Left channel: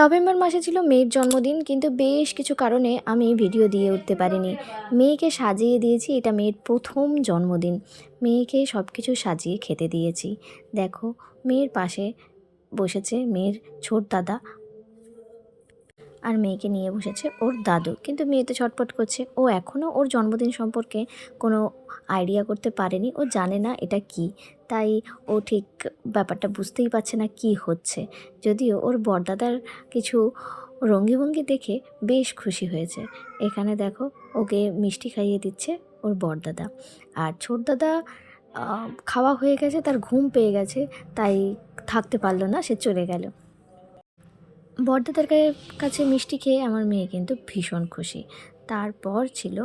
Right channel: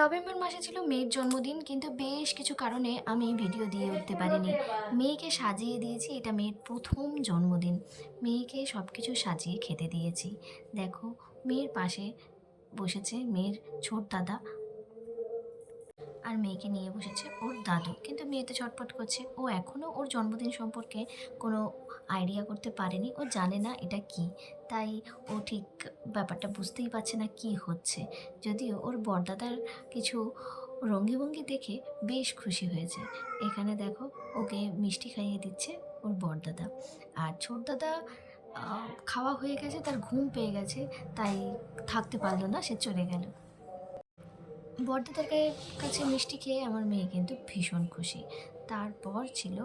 November মাসে ছিল মেয়ের জন্মদিন, কিন্তু বেশ কিছু কারণে আমি ভিডিও দিয়ে উঠতে পারিনি। মেয়েকে সাজিয়ে দিয়েছি, এটা মেয়ের প্রথম জন্মদিন। মেয়েকে সব কিছু সাজিয়ে খেতে দিয়েছি। দেখো, মেয়ের পাশে বসেছে মেয়ের ছোট দাদা, আর মেয়েকে নিয়ে বসেছে ওর দাদু। কিন্তু মেয়ে তো ছটফট করছে, ও এখনও ওর জন্মদিন সম্পর্কে কোনো আইডিয়া করতে পারেনি, ও জানে না এটা কি। তাই ও ঠিক ব্যাপারটা বুঝতেই পারছে না কি হচ্ছে। যদিও ওর বড়দাদার কিছু ভঙ্গি দেখে বেশ খুশি হয়েছে। এখানে দেখো, ওকে মিষ্টি খাইয়ে দিচ্ছে ওর বড়দাদা। আর ছোট দাদা খাওয়া হয়ে গেছে, তার ঘুম পেয়ে গেছে, তাই থাকতে পারলো না, সে চলে গেল। বড়দাদার কাছে মিষ্টি খেয়ে আমার মেয়ে কিন্তু ভীষণ খুশি। তারপর ছিল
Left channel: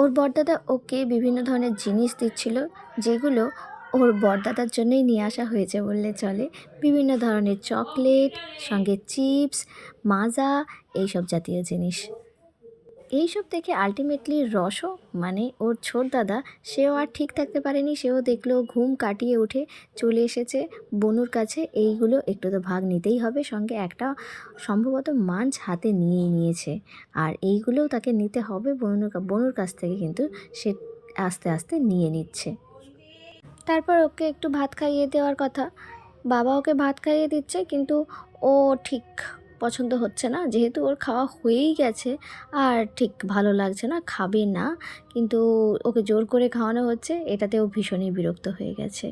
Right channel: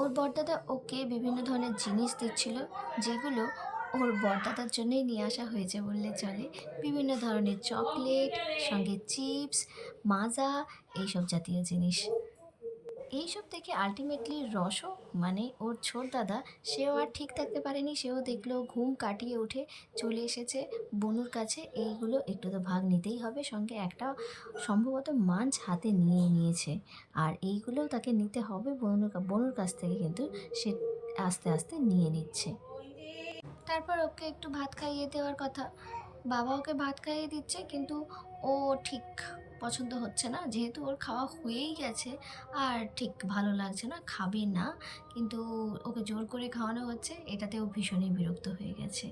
ওর বড়দাদা ওকে বিভিন্ন ধরনের জিনিস দিচ্ছিল, যেগুলো ওর বড়দাদার জন্যই নিয়ে আসা হয়েছে বললে চলে। বিভিন্ন ধরনের চকলেট, সঙ্গে চিপস, মাজা, এইসব জাতীয় জিনিস। এইসব দেখে আলটিমেটলি রসও, মানে ওর ছোট দাদা, সেও আর ঠিক থাকতে পারেনি। সেও দেখলো, ঘুম কাটিয়ে উঠে চলে এসেছে বনুর কাছে। এইগুলো একটু তো ভাগ নিতেই হবে, সঙ্গে একটা সম্ভবত মাছ হাতে নিয়েই নিয়েছে। আর এইগুলোও তাকে নিতে হবে বনুর কাছ থেকে, কিন্তু সে আস্তে আস্তে নিয়ে নিচ্ছে। তারপর ওকে একটু ভাত খাইয়ে দেওয়ার কথা। বাবা ওকে ভাত খাইয়ে দিচ্ছে, কিন্তু ও ঠিক পছন্দ হচ্ছে না, যেহেতু ওর খাওয়া হয়েই গেছে। আর ঠিক ভালো লাগছে না, খাবে না, কিন্তু ওকে জোর করে খাওয়ানো হচ্ছে, এটাতে ও ভীষণই বিরক্ত হয়ে গেছে।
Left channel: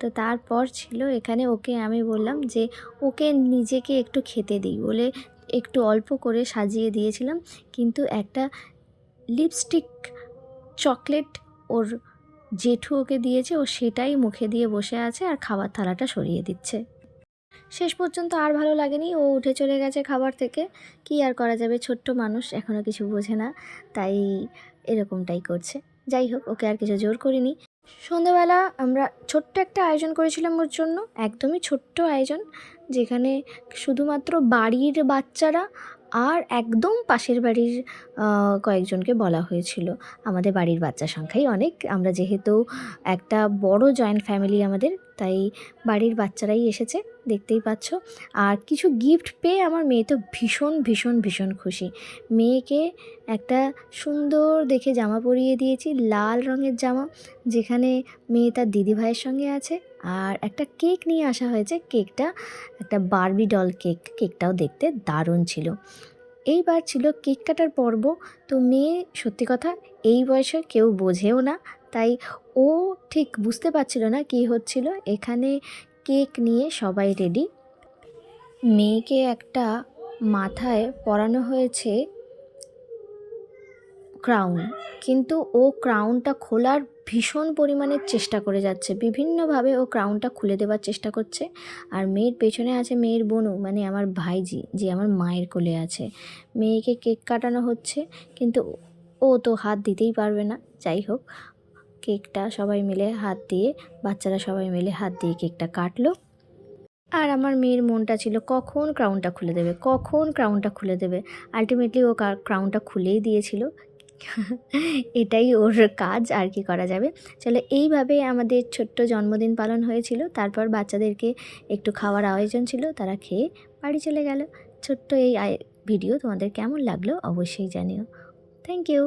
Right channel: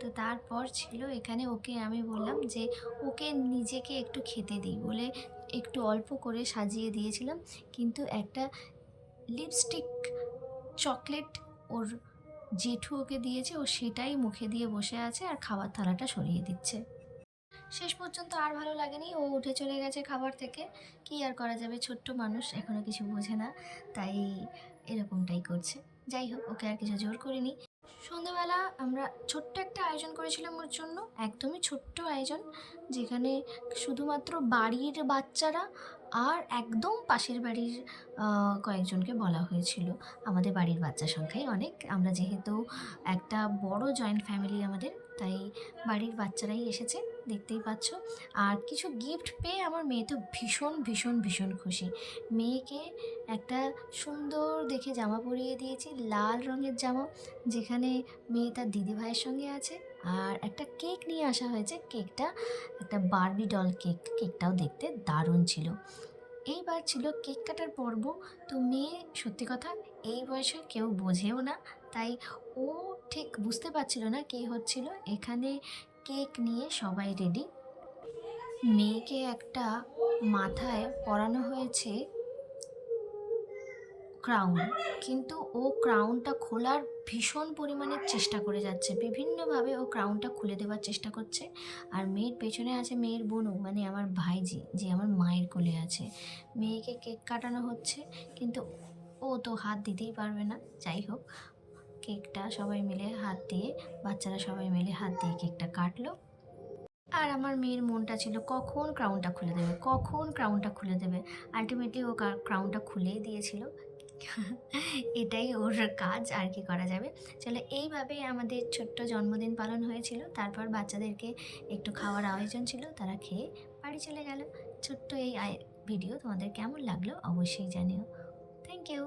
তো তারপর ছিল এখানে, ওকে আমি বললাম যে ওকে নিজেকে একটু খেতে দিই বলে একটু অল্প করে সাজিয়ে দিয়েছিলাম, কিন্তু একটা লিপস্টিক চকলেট ওর জেঠু ওকে দিয়েছে, ও সেটাই মুখে দিয়ে বসে আছে আর খাবার থালাটা সরিয়ে দিচ্ছে। শেষ পর্যন্ত আর ভালো লাগেনি, ও উঠে চলে গেছে খাবার থেকে। কি আর করা যাবে, ছোট্ট মানুষ, এখনও কিছু বোঝে না, তাই এরকমটাই করছে। যাই হোক, ওকে আর কিছু জোর করিনি। সন্ধ্যাবেলা আমরা ছোট্ট একটা আয়োজন করেছিলাম ওর জন্য, একদমই ছোট্ট আয়োজন, যেখানে শুধুমাত্র বাড়ির বাচ্চারা আর একদম পাশের বাড়ির কয়েকজনকে বলা হয়েছিল। আমাদের বাড়ির বাচ্চা সংখ্যাই অনেক, আমরা যেহেতু একটা বড় জয়েন্ট ফ্যামিলি আমাদের, তাই বাড়ির বাচ্চারাই এসেছে, দেখতেই পাচ্ছ। আর কিছু গিফট পেয়ে আমার মেয়ে তো ভীষণ ভীষণ ভীষণ খুশি। মেয়েকে একটা সুন্দর দেখে জামা পরিয়ে দিয়েছি, লাল রঙের জামা, যেখানে মেয়ে তার দিদিভাইয়ের সঙ্গে আছে। আর একটা কেক নিয়ে আসা হয়েছে, কেকটা একটা বারবি ডল কেক, কেকটাও দেখতে দারুণ ছিল। এইবার ছিল কেক কাটার পর্ব। তো মেয়ে সত্যি কথা এই বয়সে কেউ বোঝেও না, তাই ও ঠিক বুঝতে পারছিল না কী হচ্ছিল। এখানে কেক নিয়ে সবাই রেডি। মেয়েকে একটা মাথায় পরানো হয়েছে ক্রাউন, কিন্তু ও ক্রাউনটা খোলার ভীষণ পরিমাণে চেষ্টা করে যাচ্ছে, বিভিন্নভাবে ও ক্রাউনটা খুলে দেওয়ার চেষ্টা করছে। আর মেয়ের পেছনে আছে মেয়ের বোনু, মানে আমার ভাইজি, যে আমার মায়ের কোলে আছে। মেয়েকে কেক কাটানো হচ্ছে, কিন্তু ও তো হাত দিতেই পারবে না। যাই হোক, কেকটা সবাই মিলে হাত দিয়ে, বাচ্চারা সবাই মিলে হাত দিয়ে কেকটা কাটলো। আর আমার মেয়ের মনটা ছিল কখন ক্রাউনটা খুলে দেবে, কখন ক্রাউনটা খুলে দেবে। আলটিমেটলি ও ক্রাউনটা খুলেই দিয়েছিল। এটাই ওর কাজ, আর কি করা যাবে। চলো, এইভাবে আমাদের ছোট্ট জন্মদিন পালন হয়েছিল। তারপর বাচ্চাদেরকে একটু খাওয়ার আয়োজন ছিল, তারা খেয়ে বাড়ি চলে গেল। ছোট্ট এই ভিডিও তোমাদের কেমন লাগলো অবশ্যই জানিও। Thank you.